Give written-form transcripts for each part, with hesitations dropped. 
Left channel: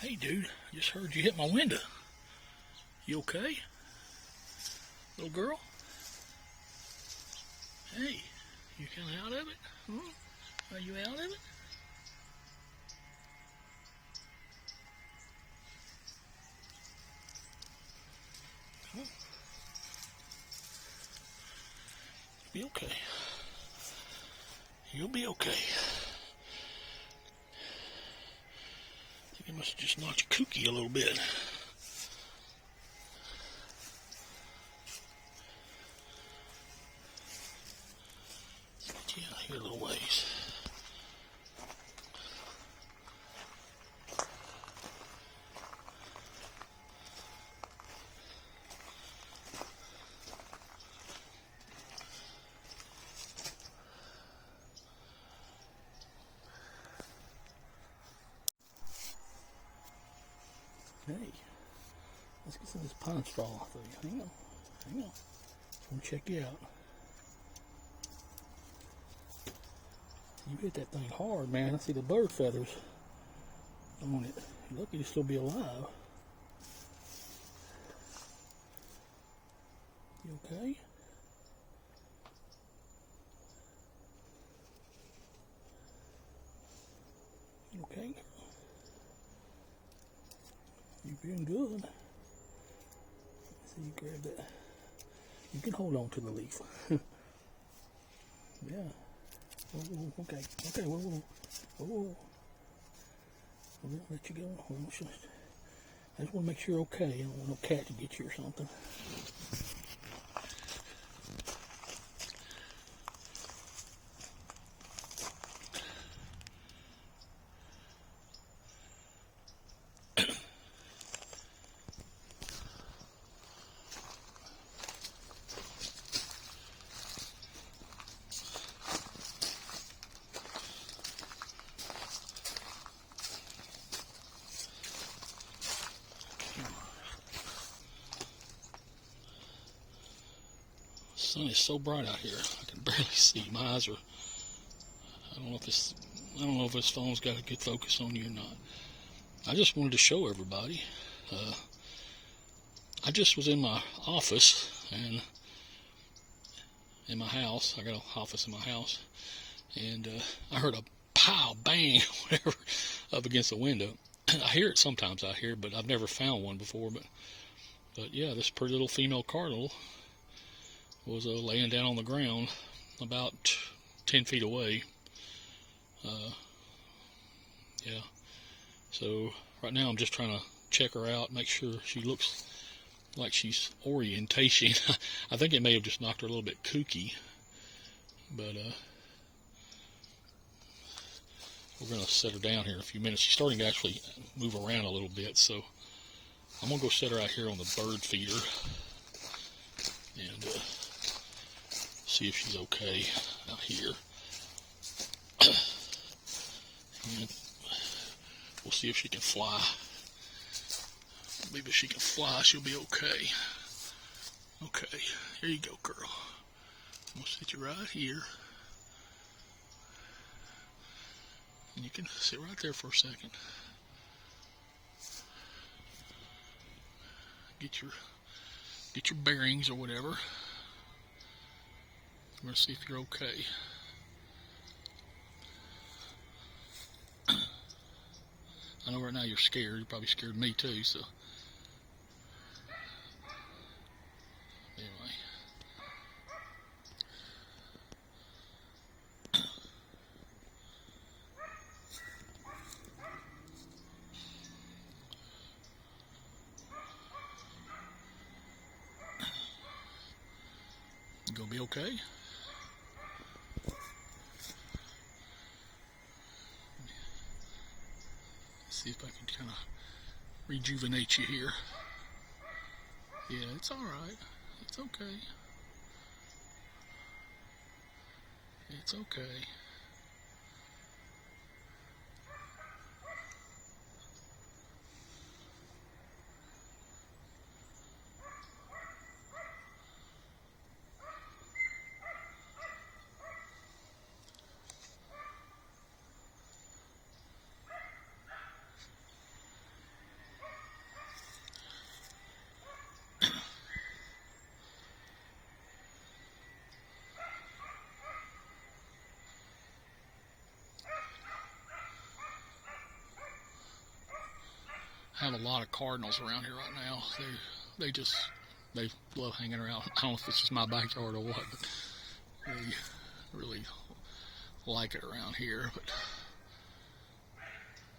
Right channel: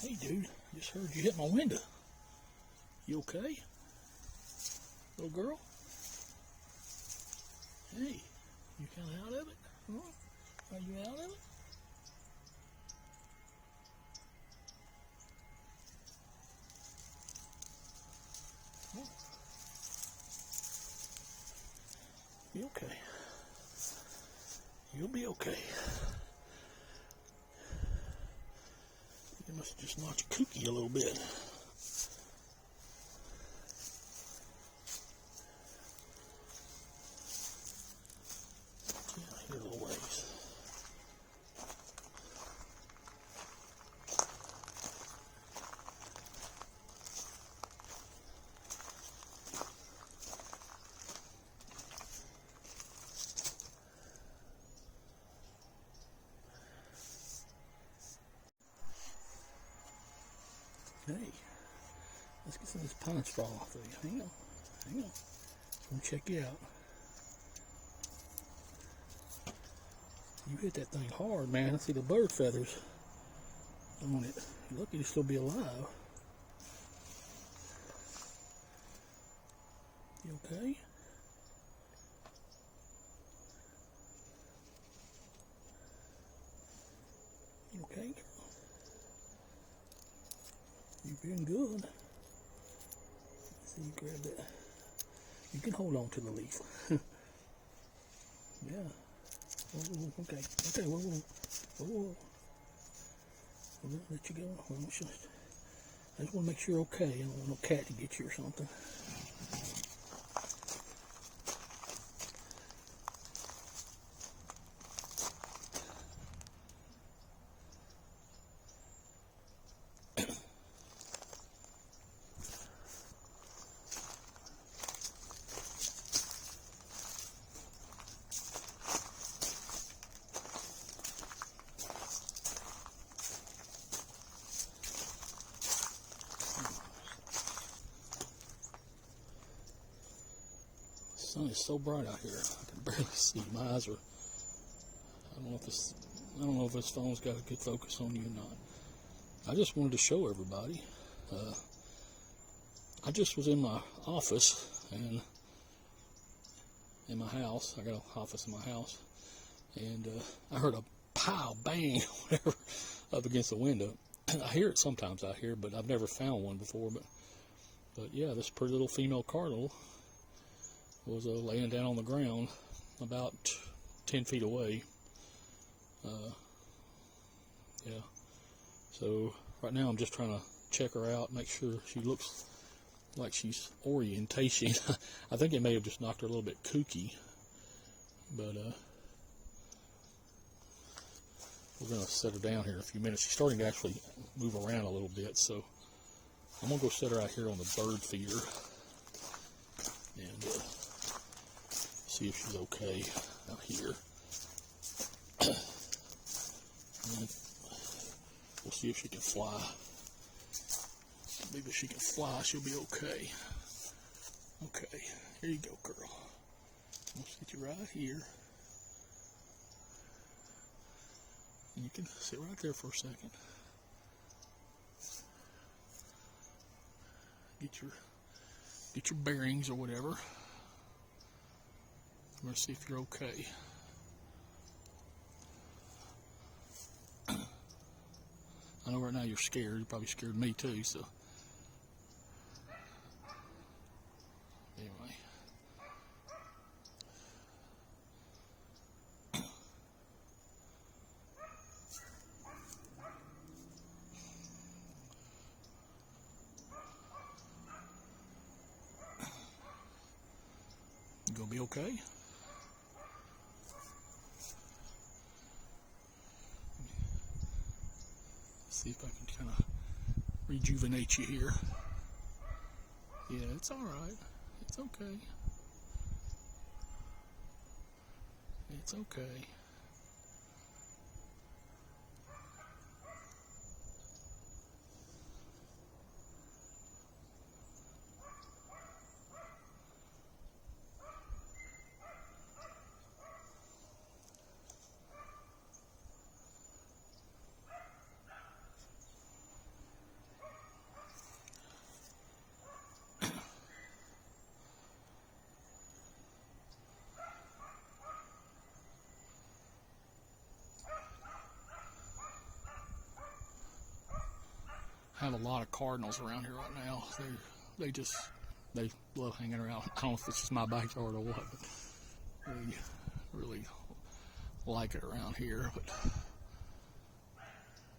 Hey dude, I just heard you hit my window. You okay? Little girl? Hey, you kinda out of it? Huh? Are you out of it? Huh? Be okay. You'll be okay. I think I must have just knocked your kookie a little bit. Let's get you out here a little ways. Hey, let's get some of this pine straw off of you. Hang on. Just want to check you out. You hit that thing hard, man. I see the bird feathers on it. You're lucky to still be alive. You okay? You okay? You've been good. See, you grab that. You can hold on to the leaf. Yeah. Whoa, okay. Whoa. We're gonna let you go. I just want to make sure you're okay. I don't want no cat to get you or something. The sun is so bright out here, I can barely see. My eyes are. I don't know if this phone's got a good focus on you or not. I just wanted to show everybody. I just was in my office and in my house. I got an office in my house, and I heard a pow, bang, whatever, up against the window. I hear it sometimes out here, but I've never found one before. But yeah, this pretty little female cardinal was laying down on the ground about 10 feet away. Yeah. So right now I'm just trying to check her out, make sure she looks like she's orientation. I think it may have just knocked her a little bit kooky, but we're going to set her down here in a few minutes. She's starting to actually move around a little bit, so I'm going to go set her out here on the bird feeder and see if she's okay out here. And we'll see if she can fly. Maybe if she can fly, she'll be okay. Okay, here you go, girl. I'm going to sit you right here. And you can sit right there for a second. Get your bearings or whatever. I'm going to see if you're okay. I know right now you're scared. You're probably scared of me too, so. Anyway. You gonna be okay? See if I can kind of rejuvenate you here. Yeah, it's all right. It's okay. It's okay. have a lot of cardinals around here right now. They love hanging around. I don't know if this is my backyard or what, but they really like it around here. But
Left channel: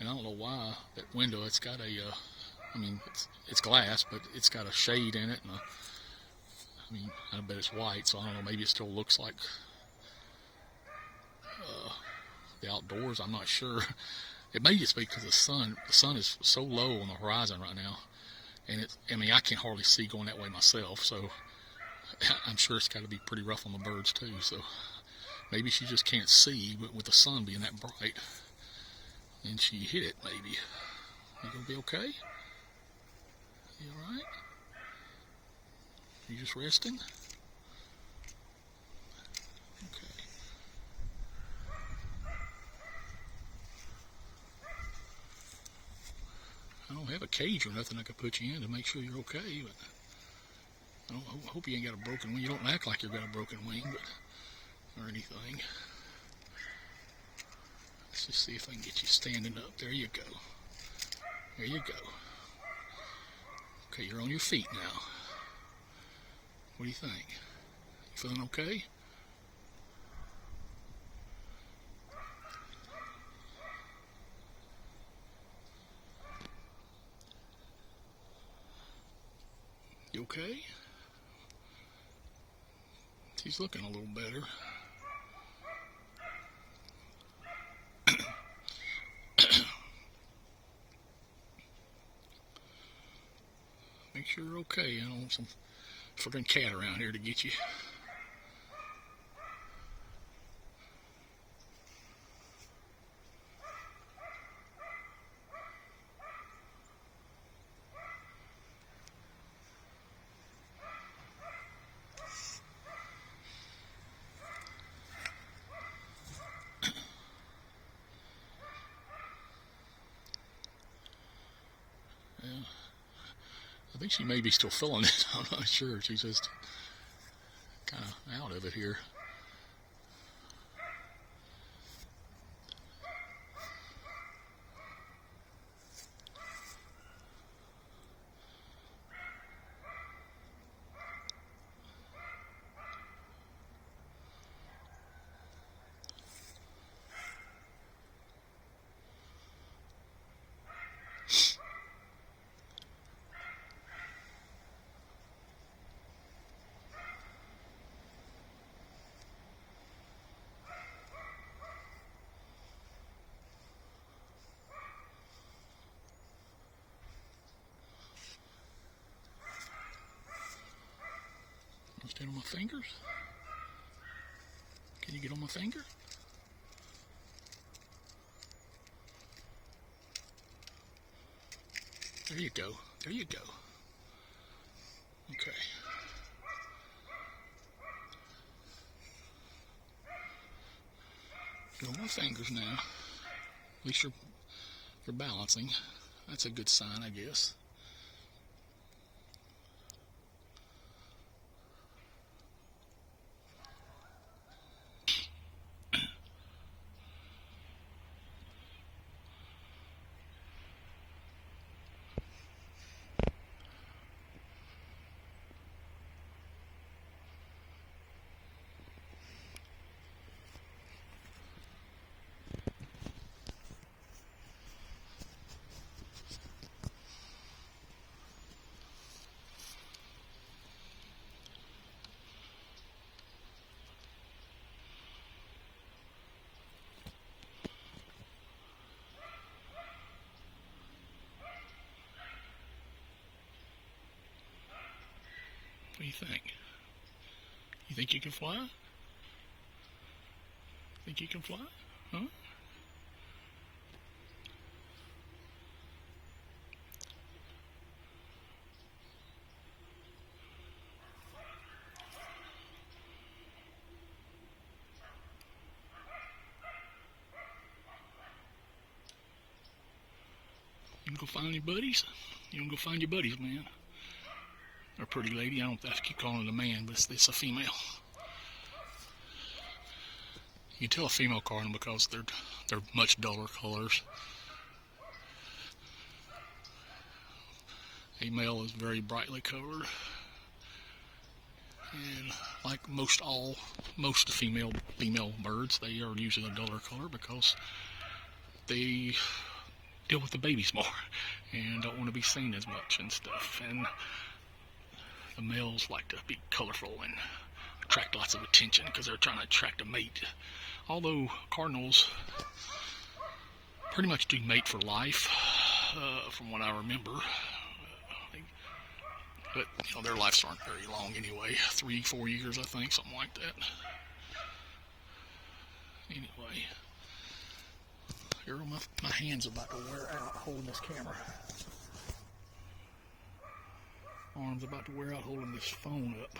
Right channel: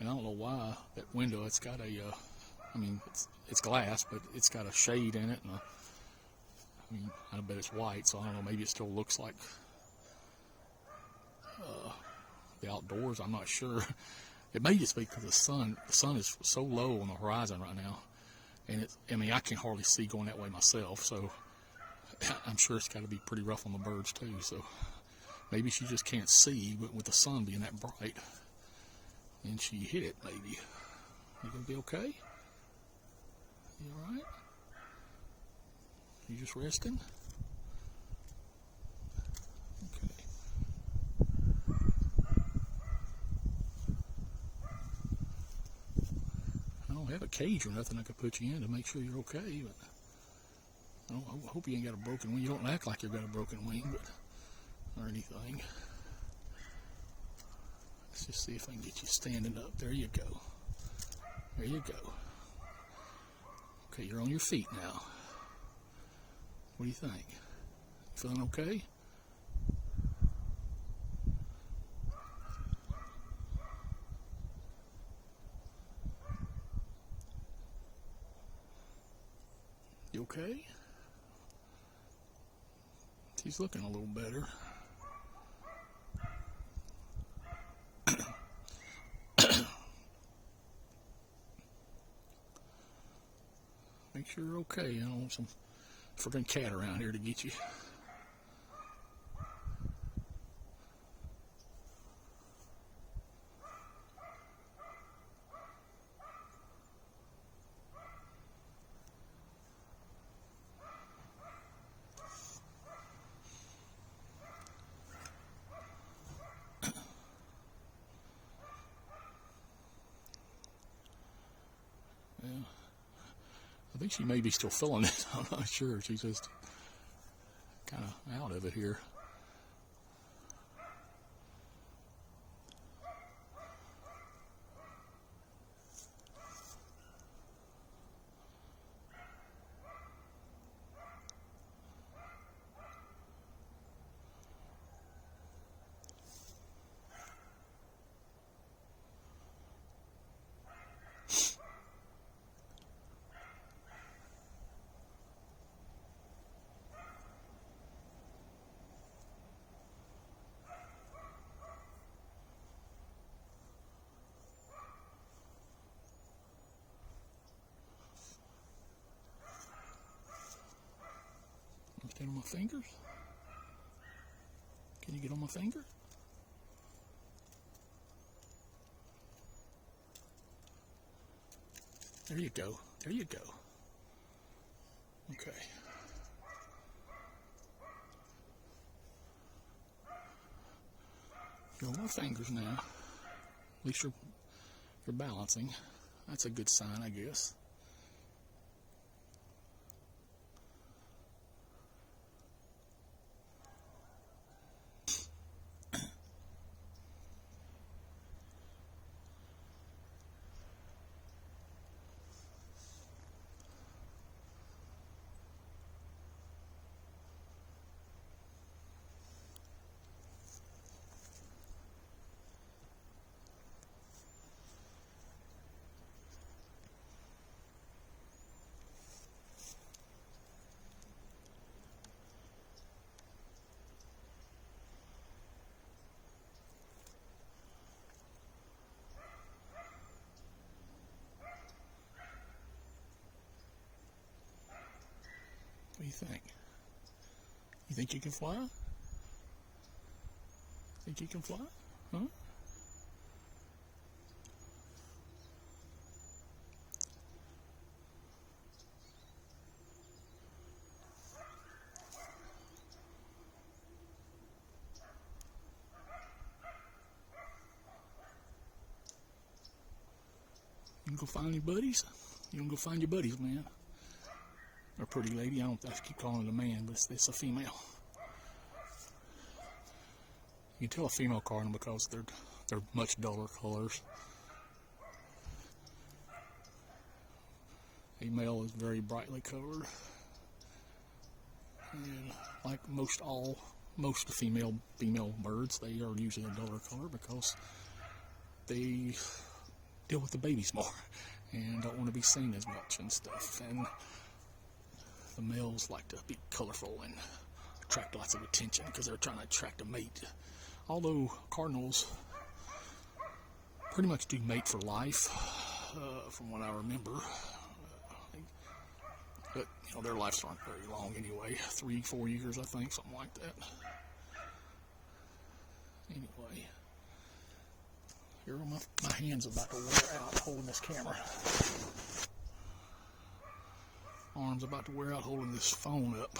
and I don't know why that window. It's got a I mean, it's glass, but it's got a shade in it, and I mean, I bet it's white, so I don't know. Maybe it still looks like the outdoors. I'm not sure. It may just be because the sun is so low on the horizon right now, and I mean, I can hardly see going that way myself. So I'm sure it's got to be pretty rough on the birds too. So maybe she just can't see, but with the sun being that bright, and she hit it. Maybe you gonna be okay? You all right? You just resting? Okay. I don't have a cage or nothing I could put you in to make sure you're okay, but I hope you ain't got a broken wing. You don't act like you've got a broken wing, but or anything. Let's just see if I can get you standing up. There you go. There you go. Okay, you're on your feet now. What do you think? You feeling okay? You okay? She's looking a little better. Make sure you're okay. I don't want some freaking cat around here to get you. Yeah. I think she may be still feeling it. I'm not sure. She's just kind of out of it here. Stand on my fingers? Can you get on my finger? There you go. There you go. Okay. You're on my fingers now. At least you're balancing. That's a good sign, I guess. What do you think? You think you can fly? Think you can fly? Huh? You gonna go find your buddies? You gonna go find your buddies, man? Or pretty lady? I don't have to keep calling it a man, but it's a female. You can tell a female cardinal because they're much duller colors. A male is very brightly colored, and like most female birds, they are usually a duller color because they deal with the babies more and don't want to be seen as much and stuff. And the males like to be colorful and attract lots of attention because they're trying to attract a mate. Although cardinals pretty much do mate for life, from what I remember. But you know, their lives aren't very long anyway. 3-4 years, I think, something like that. Anyway, here are my hands about to wear out holding this camera. Arms about to wear out holding this phone up.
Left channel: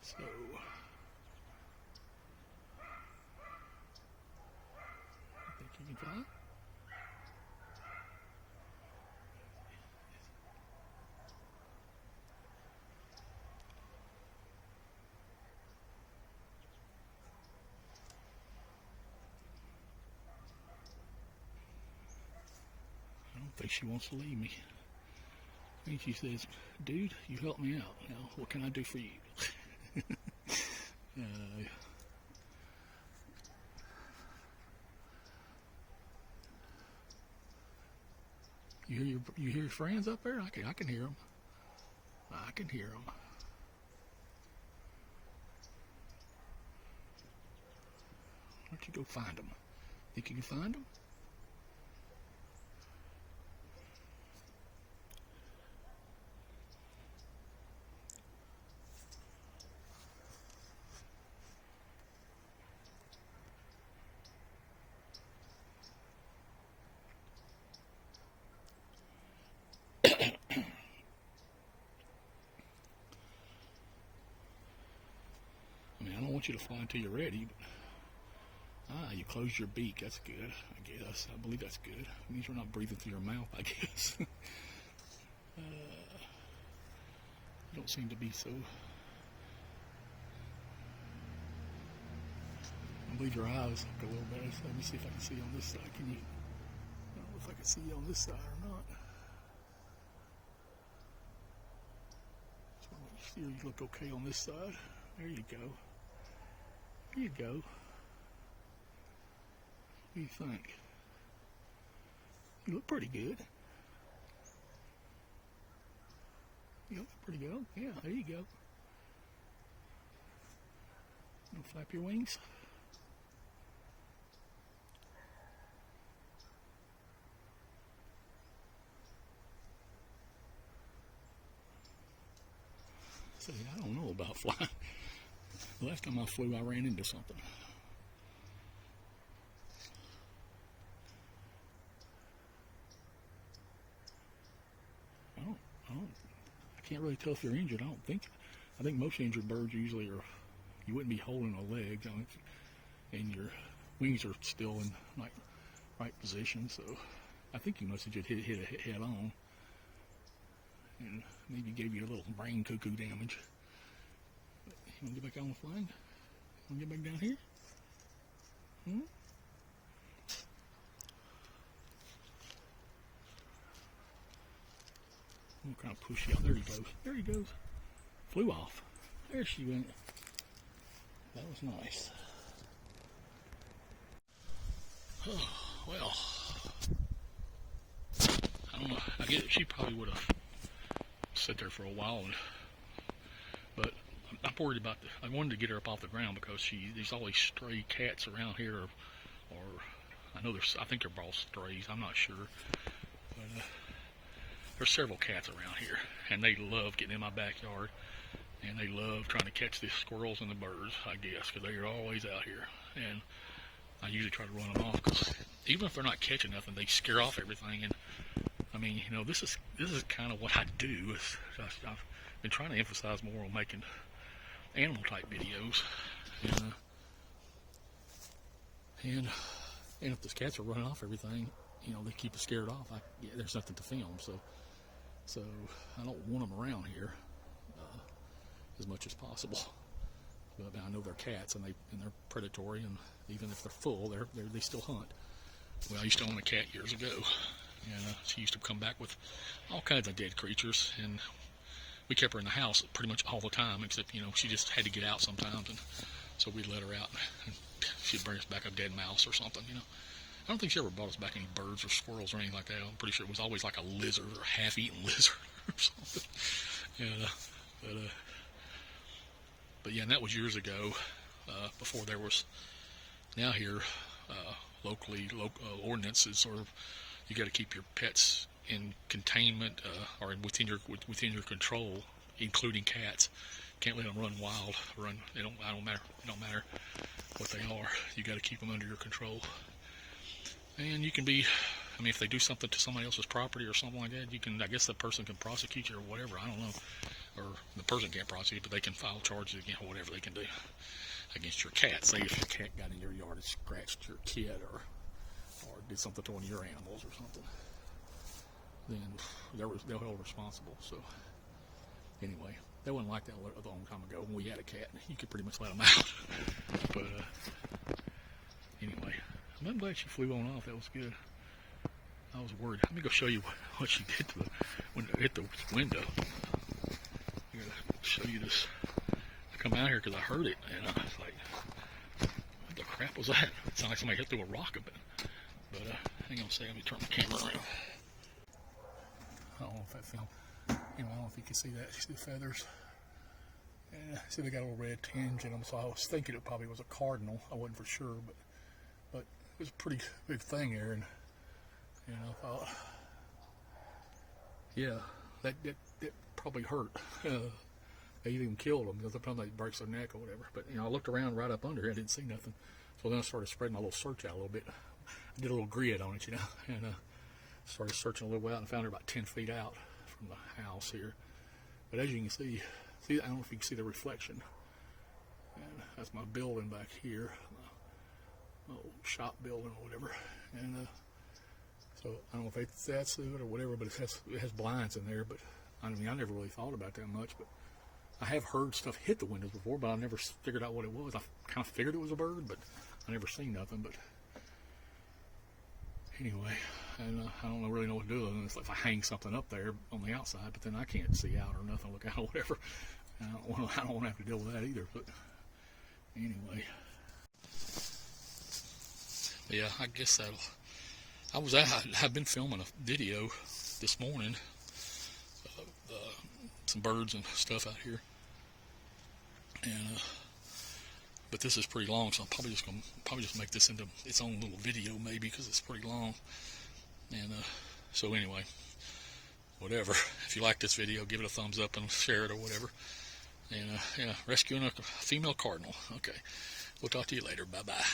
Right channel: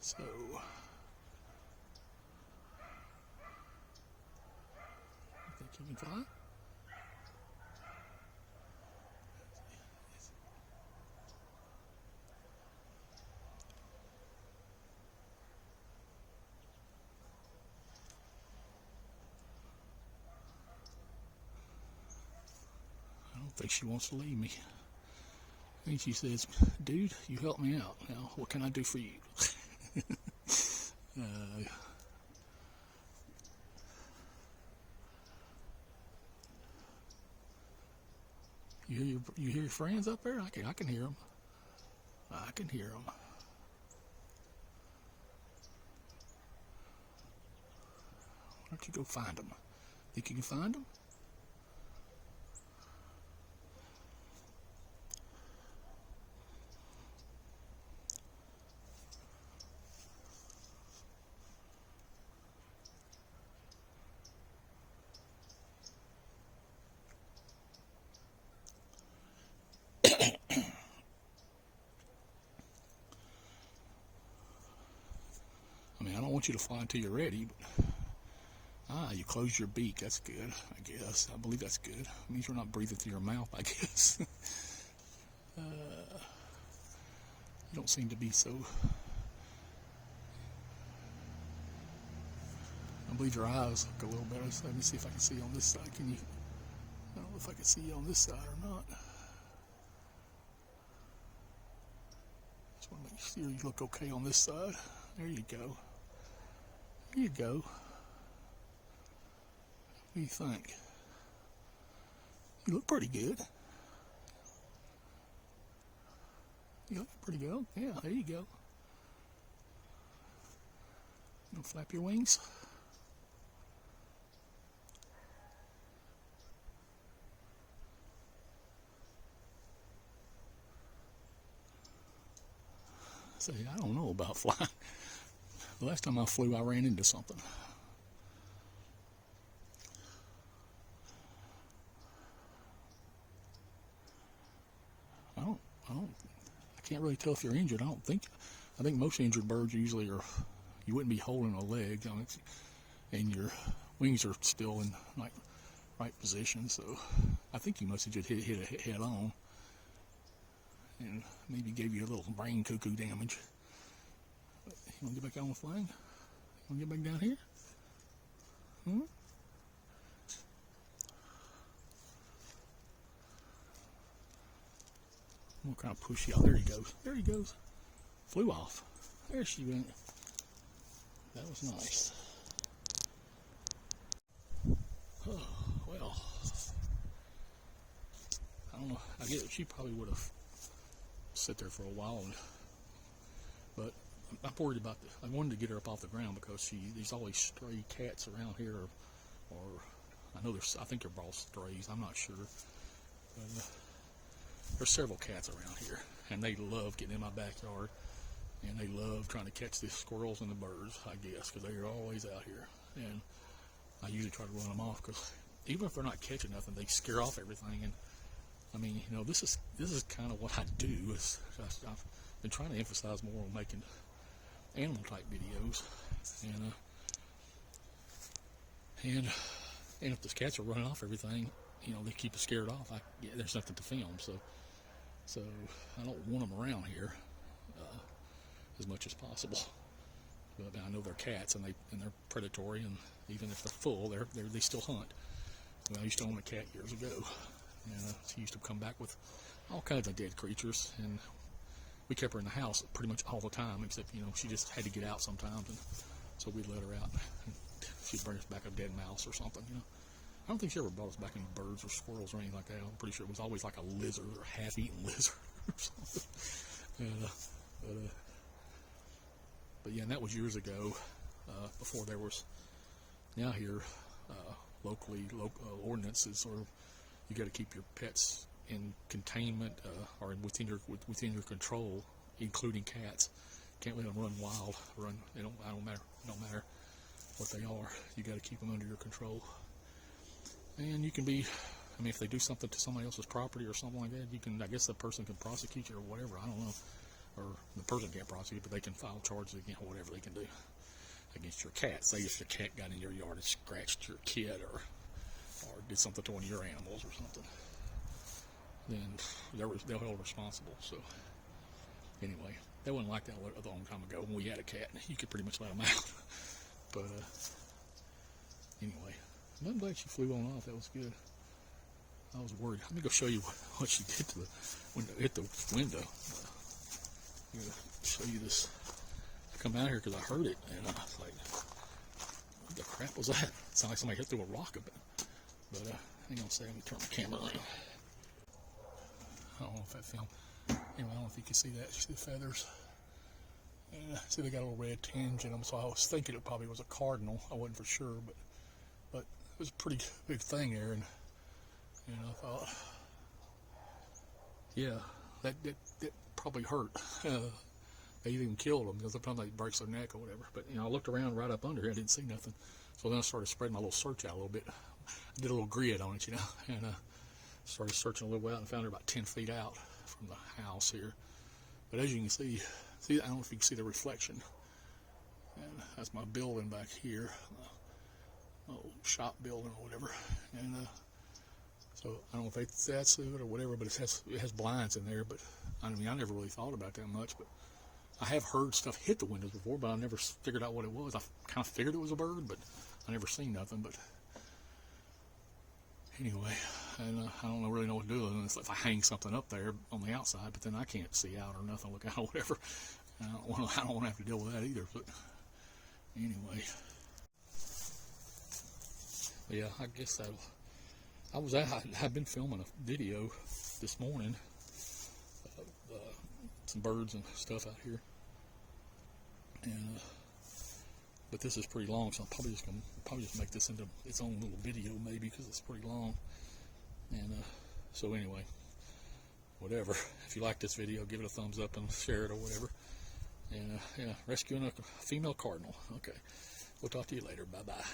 So think you can fly? I don't think she wants to leave me. I think she says, dude, you help me out. Now, what can I do for you? You hear your friends up there? I can hear them. I can hear them. Why don't you go find them? Think you can find them? I mean, I don't want you to fly until you're ready, but you closed your beak. That's good, I guess. I believe that's good. It means you're not breathing through your mouth, I guess. You don't seem to be so. I believe your eyes look a little better. So let me see if I can see you on this side. Can you? I don't know if I can see you on this side or not. So make sure you look okay on this side. There you go. There you go. What do you think? You look pretty good. You look pretty good. Yeah, there you go. You flap your wings. Say, I don't know about flying. The last time I flew, I ran into something. I can't really tell if you're injured. I think most injured birds usually are, you wouldn't be holding a leg, and your wings are still in right position. So I think you must have just hit it head on, and maybe gave you a little brain cuckoo damage. But you want to get back on with flying? You want to get back down here? I'm gonna kind of push you out. There he goes. There he goes. Flew off. There she went. That was nice. Oh, well, I don't know. I guess she probably would have sat there for a while, but I'm worried about I wanted to get her up off the ground because there's always stray cats around here, or I think they're all strays. I'm not sure, but there's several cats around here, and they love getting in my backyard, and they love trying to catch the squirrels and the birds, I guess, because they are always out here. And I usually try to run them off, because even if they're not catching nothing, they scare off everything. And I mean, you know, this is kind of what I do. I've been trying to emphasize more on making animal type videos, and if the cats are running off everything, you know, they keep us scared off. There's nothing to film, so I don't want them around here as much as possible. But I know they're cats, and they're predatory, and even if they're full, they still hunt. Well, I used to own a cat years ago, And she used to come back with all kinds of dead creatures, and we kept her in the house pretty much all the time, except, you know, she just had to get out sometimes, and so we'd let her out, and she'd bring us back a dead mouse or something, you know. I don't think she ever brought us back any birds or squirrels or anything like that. I'm pretty sure it was always like a lizard or half-eaten lizard or something. And, but yeah, and that was years ago, before there was, now here, locally, ordinances, or you got to keep your pets in containment, or within your control, including cats. Can't let them run wild. It don't matter what they are. You got to keep them under your control. And you can be, I mean, if they do something to somebody else's property or something like that, you can, I guess the person can prosecute you or whatever. I don't know. Or the person can't prosecute, but they can file charges against whatever they can do against your cat. Say if your cat got in your yard and scratched your kid, or did something to one of your animals or something, then they're held responsible. So anyway, that wasn't like that a long time ago when we had a cat. You could pretty much let them out. But anyway, I'm glad she flew on off. That was good. I was worried. Let me go show you what she did to hit the window. I'm gonna show you this. I come out here because I heard it, and I was like, "What the crap was that?" It sounded like somebody hit through a rock a bit. But hang on a second. Let me turn my camera around. I don't know if that film. Anyway, I don't know if you can see that. You see the feathers? And see they got a little red tinge in them. So I was thinking it probably was a cardinal. I wasn't for sure, but it was a pretty big thing there, and I thought, yeah, that probably hurt. They even killed them because sometimes they break their neck or whatever. But I looked around right up under here. I didn't see nothing. So then I started spreading my little search out a little bit. I did a little grid on it, and started searching a little way out and found her about 10 feet out from the house here. But as you can see, I don't know if you can see the reflection. And that's my building back here, my old shop building or whatever. And so I don't know if that's it or whatever, but it has blinds in there. But I mean, I never really thought about that much. But I have heard stuff hit the windows before, but I never figured out what it was. I kind of figured it was a bird, but I never seen nothing. But anyway, and I don't really know what to do. It's like if I hang something up there on the outside, but then I can't see out or nothing, look out or whatever. And I don't want to have to deal with that either. But anyway, but yeah, I guess I've been filming a video this morning of some birds and stuff out here, and but this is pretty long, so I'm probably just make this into its own little video maybe, because it's pretty long. And so anyway, whatever. If you like this video, give it a thumbs up and share it or whatever. And yeah, rescuing a female cardinal. Okay, we'll talk to you later. Bye bye.